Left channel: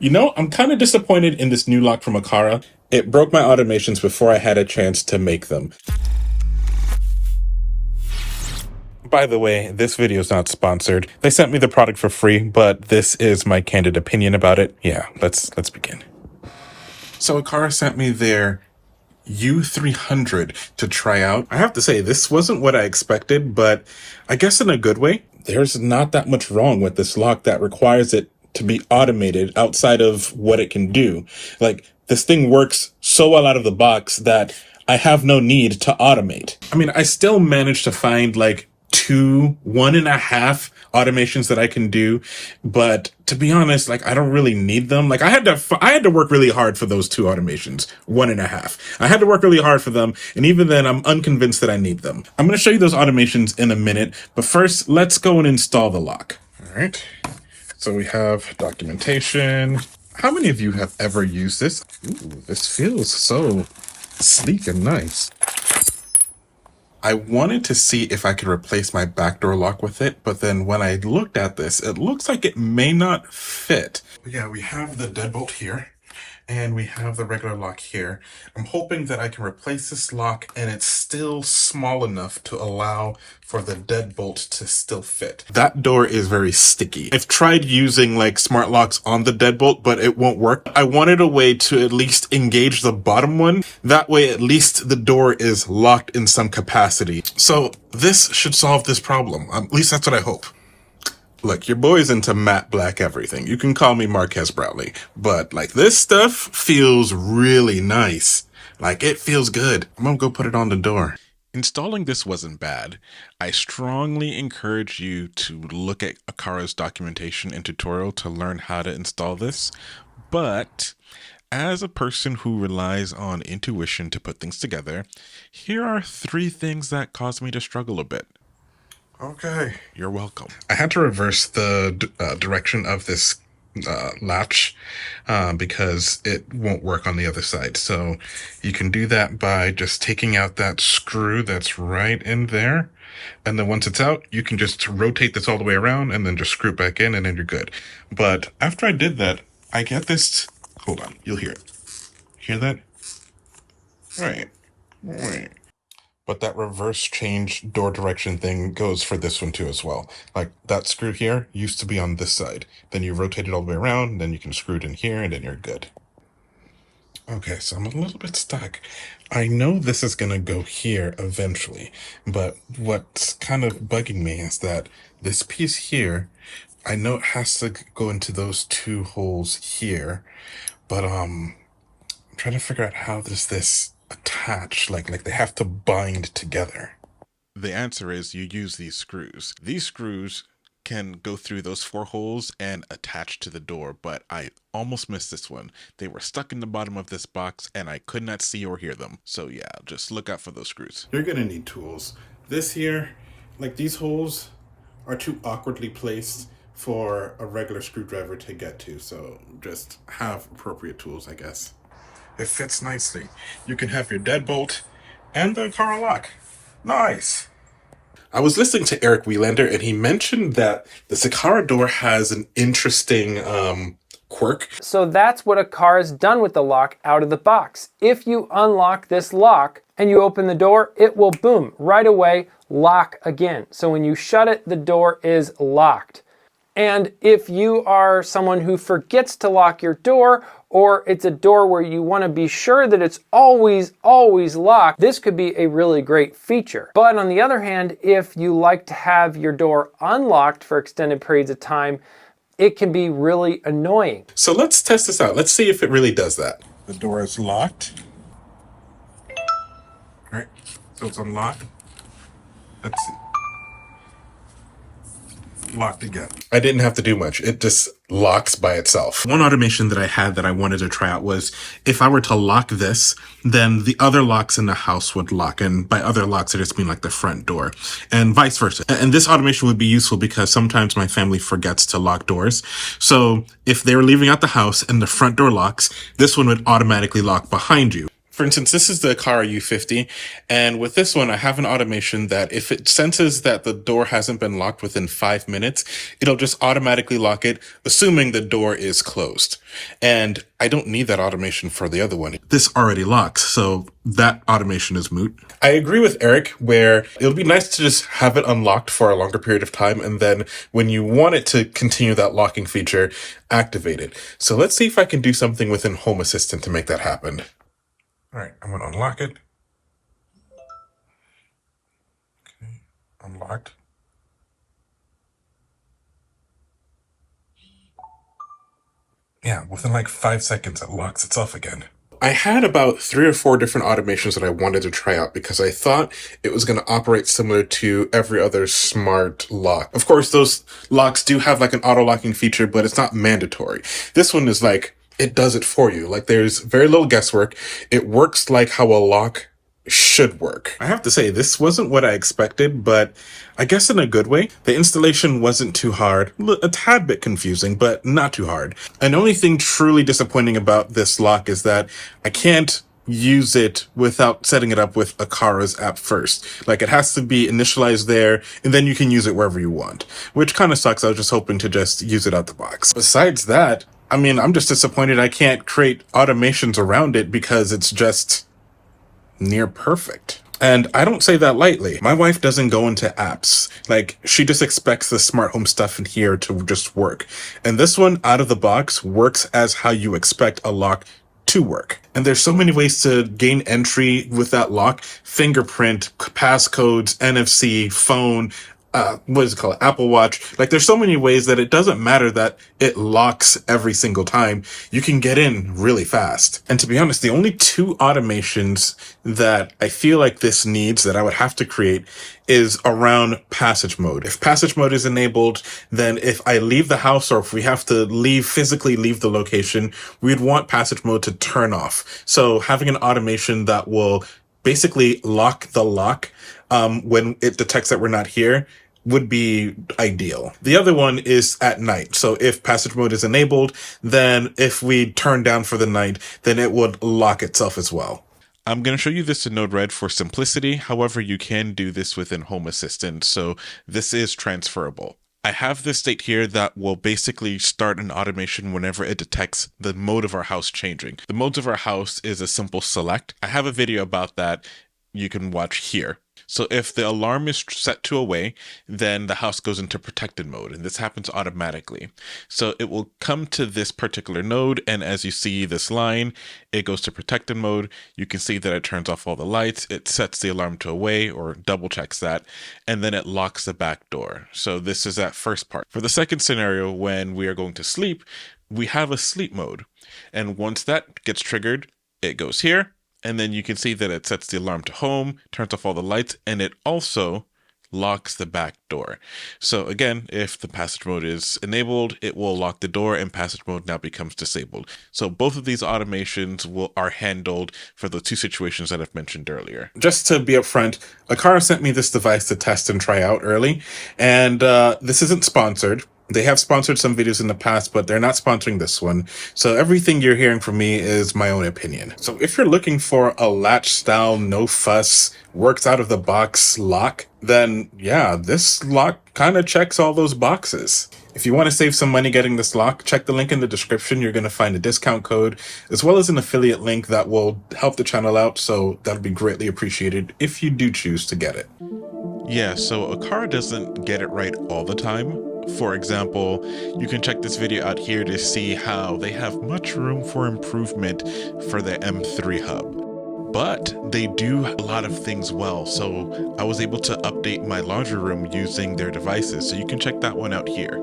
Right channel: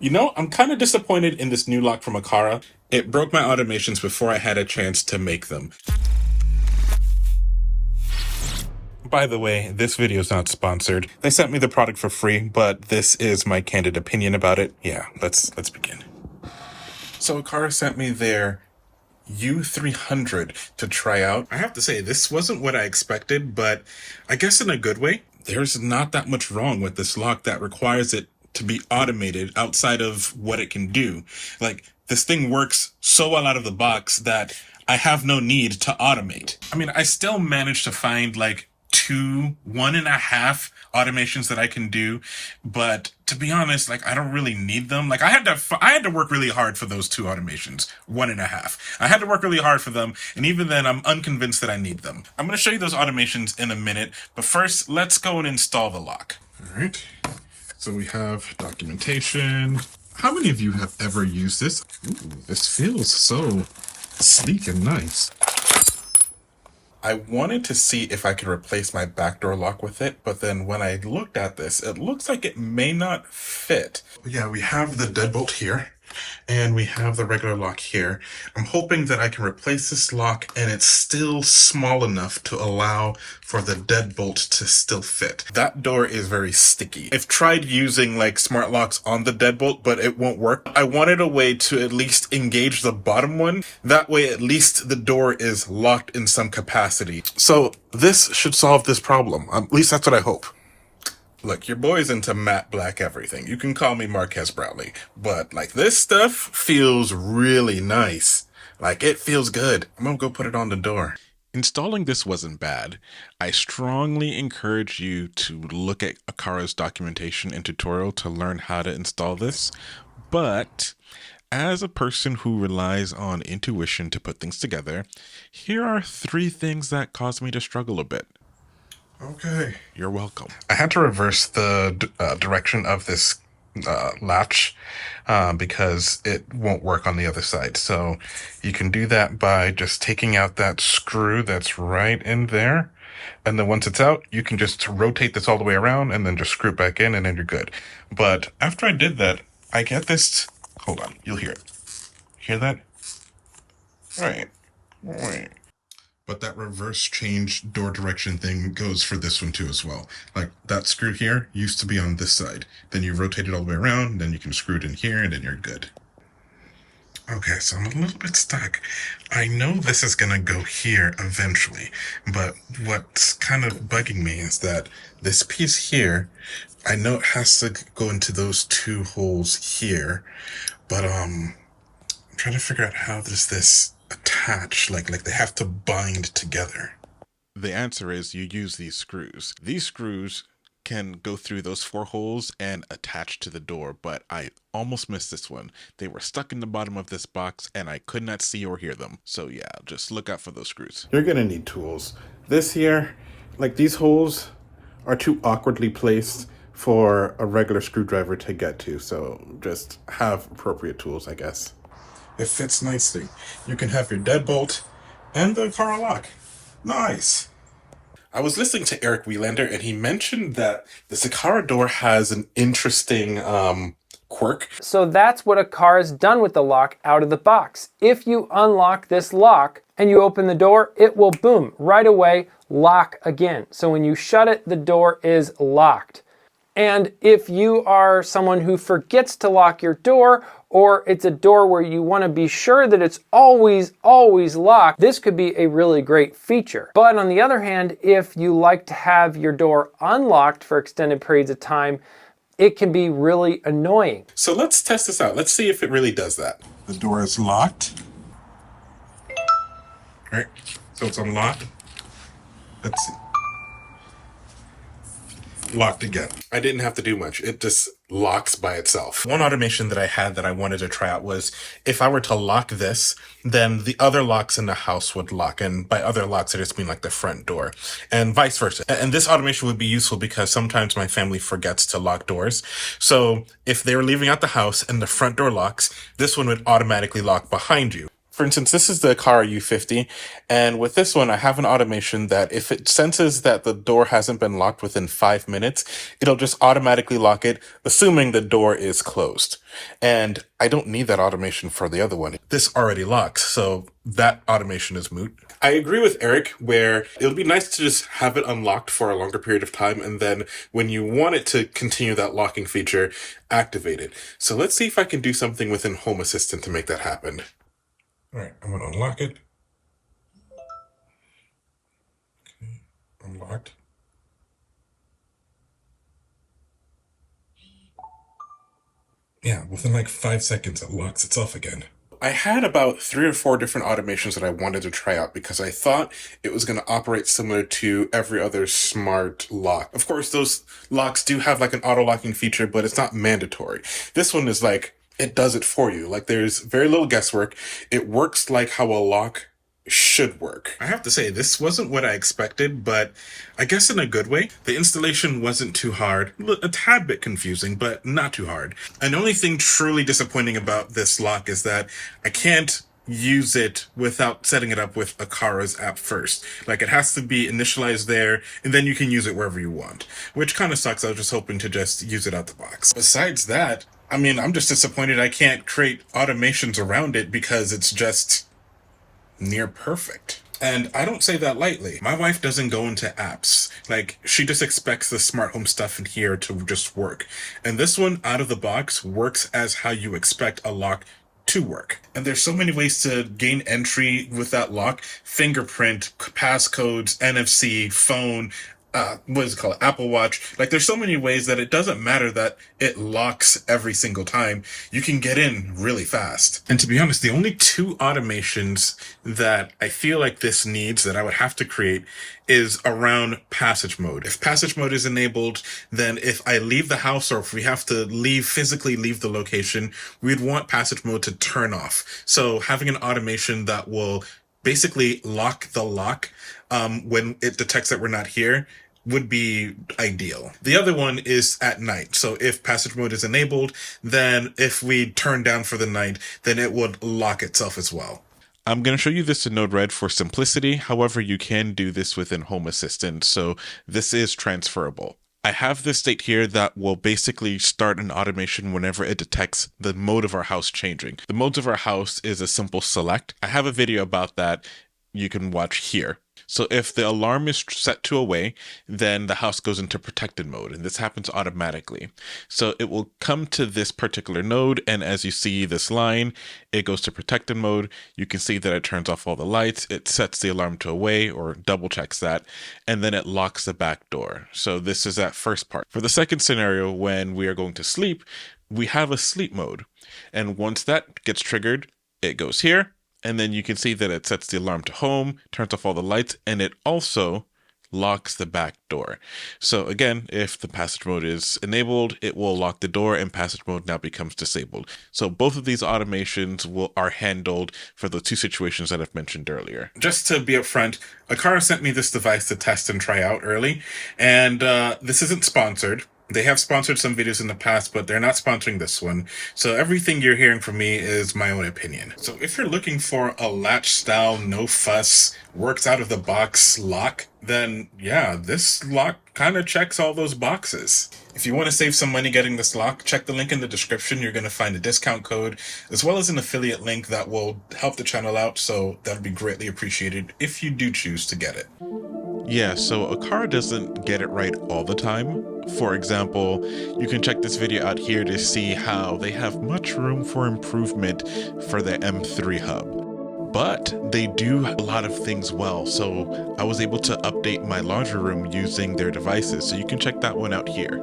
You know, I'm kind of disappointed in this new lock from Aqara. It broke my automations before I had a chance to make them. By the way, this video is not sponsored. They sent me the product for free, but this is my candid opinion about it. Yeah, let's begin. So Aqara sent me their U300 to try out. I have to say, this wasn't what I expected, but I guess in a good way. There's not that much wrong with this lock that requires it to be automated outside of what it can do. Like, this thing works so well out of the box that I have no need to automate. I mean, I still managed to find like 1.5 automations that I can do, but to be honest, like, I don't really need them. Like, I had to work really hard for those 2 automations, 1.5. I had to work really hard for them, and even then, I'm unconvinced that I need them. I'm going to show you those automations in a minute, but first, let's go and install the lock. All right. So we have documentation. How many of you have ever used this? Ooh, this feels so sleek and nice. I wanted to see if I could replace my backdoor lock with it, but then when I looked at this, it looks like it may not fit. Yeah, we have the deadbolt here, and we have the regular lock here. I'm hoping that I can replace this lock and it's still small enough to allow for the deadbolt to still fit. That door is very sticky. I've tried using like smart locks on the deadbolt, but it won't work. I wanted a way to at least engage the bottom one. That way, at least the door is locked in some capacity. So this should solve this problem. At least that's what I hope. Look, your boy's into matte black everything. You can call me Marquez Brownlee, but like, this stuff feels really nice. Like, it feels good. I'm gonna go put it on the door. Installing this wasn't bad. I strongly encourage you to look at Aqara's documentation and tutorial to learn how to install this, but as a person who relies on intuition to put things together, here are 3 things that caused me to struggle a bit. Okay, you're welcome. I had to reverse the direction of this latch because it won't work on the other side. So you can do that by just taking out that screw that's right in there. And then once it's out, you can just rotate this all the way around and then just screw it back in, and then you're good. But after I did that, I get this. Hold on, you'll hear it. Hear that? Right. But that reverse change door direction thing goes for this one too as well. Like, that screw here used to be on this side. Then you rotate it all the way around, then you can screw it in here, and then you're good. Okay, so I'm a little bit stuck. I know this is gonna go here eventually, but what's kind of bugging me is that this piece here, I know it has to go into those 2 holes here, but I'm trying to figure out how does this attach, like they have to bind together. The answer is you use these screws. These screws can go through those 4 holes and attach to the door, but I almost missed this one. They were stuck in the bottom of this box and I could not see or hear them. So yeah, just look out for those screws. You're gonna need tools. This here, like, these holes are too awkwardly placed for a regular screwdriver to get to, so just have appropriate tools, I guess. It fits nicely. You can have your deadbolt and the Aqara lock. Nice. I was listening to Eric Wielander, and he mentioned that the Aqara door has an interesting quirk. So that's what Aqara's done with the lock out of the box. If you unlock this lock and you open the door, it will, boom, right away lock again. So when you shut it, the door is locked. And if you are someone who forgets to lock your door, or it's a door where you want to be sure that it's always locked, this could be a really great feature. But on the other hand, if you like to have your door unlocked for extended periods of time, it can be really annoying. So let's test this out. Let's see if it really does that. The door is locked. All right, so it's unlocked. Let's see. Locked again. I didn't have to do much. It just locks by itself. One automation that I had that I wanted to try out was if I were to lock this, then the other locks in the house would lock. And by other locks, I just mean like the front door and vice versa. And this automation would be useful because sometimes my family forgets to lock doors. So if they were leaving out the house and the front door locks, this one would automatically lock behind you. For instance, this is the Aqara U50, and with this one, I have an automation that if it senses that the door hasn't been locked within 5 minutes, it'll just automatically lock it, assuming the door is closed. And I don't need that automation for the other one. This already locks, so that automation is moot. I agree with Eric where it'll be nice to just have it unlocked for a longer period of time, and then when you want it to continue that locking feature, activate it. So let's see if I can do something within Home Assistant to make that happen. All right, I'm going to unlock it. Okay, unlocked. Yeah, within like 5 seconds, it locks itself again. I had about 3 or 4 different automations that I wanted to try out because I thought it was going to operate similar to every other smart lock. Of course, those locks do have like an auto locking feature, but it's not mandatory. This one is like, it does it for you. Like there's very little guesswork. It works like how a lock should work. I have to say, this wasn't what I expected, but I guess in a good way. The installation wasn't too hard, a tad bit confusing, but not too hard. And the only thing truly disappointing about this lock is that I can't use it without setting it up with Aqara's app first. Like it has to be initialized there, and then you can use it wherever you want, which kind of sucks. I was just hoping to just use it out the box. Besides that, I mean, I'm just disappointed I can't create automations around it because it's just near perfect. And I don't say that lightly. My wife doesn't go into apps. Like, she just expects the smart home stuff in here to just work. And this one, out of the box, works as how you expect a lock to work. And there's so many ways to gain entry with that lock. Fingerprint, passcodes, NFC, phone, what is it called? Apple Watch. Like there's so many ways that it doesn't matter that it locks every single time. You can get in really fast. And to be honest, the only 2 automations that I feel like this needs that I would have to create is around passage mode. If passage mode is enabled, then if I leave the house or if we have to physically leave the location, we'd want passage mode to turn off. So having an automation that will basically lock the lock when it detects that we're not here would be ideal. The other one is at night. So if passage mode is enabled, then if we turn down for the night, then it would lock itself as well. I'm going to show you this in Node-RED for simplicity. However, you can do this within Home Assistant, so this is transferable. I have this state here that will basically start an automation whenever it detects the mode of our house changing. The modes of our house is a simple select. I have a video about that you can watch here. So if the alarm is set to away, then the house goes into protected mode, and this happens automatically. So it will come to this particular node, and as you see this line, it goes to protected mode. You can see that it turns off all the lights, it sets the alarm to away, or double checks that, and then it locks the back door. So this is that first part. For the second scenario, when we are going to sleep, we have a sleep mode. And once that gets triggered, it goes here. And then you can see that it sets the alarm to home, turns off all the lights, and it also locks the back door. So again, if the passage mode is enabled, it will lock the door and passage mode now becomes disabled. So both of these automations are handled for the 2 situations that I've mentioned earlier. Just to be upfront, Aqara sent me this device to test and try out early, and this isn't sponsored. They have sponsored some videos in the past, but they're not sponsoring this one. So everything you're hearing from me is my own opinion. So if you're looking for a latch style, no fuss, works out of the box lock, then yeah, this lock kind of checks all those boxes. If you want to save some money getting this lock, check the link in the description. You're going to find a discount code as well as an affiliate link that will help the channel out. So that would be greatly appreciated if you do choose to get it. Yeah, so Aqara doesn't get it right all the time. For example, you can check this video out here to see how they have much room for improvement for the M3 hub. But they do a lot of things well, so I was able to update my laundry room using their devices, so you can check that one out here.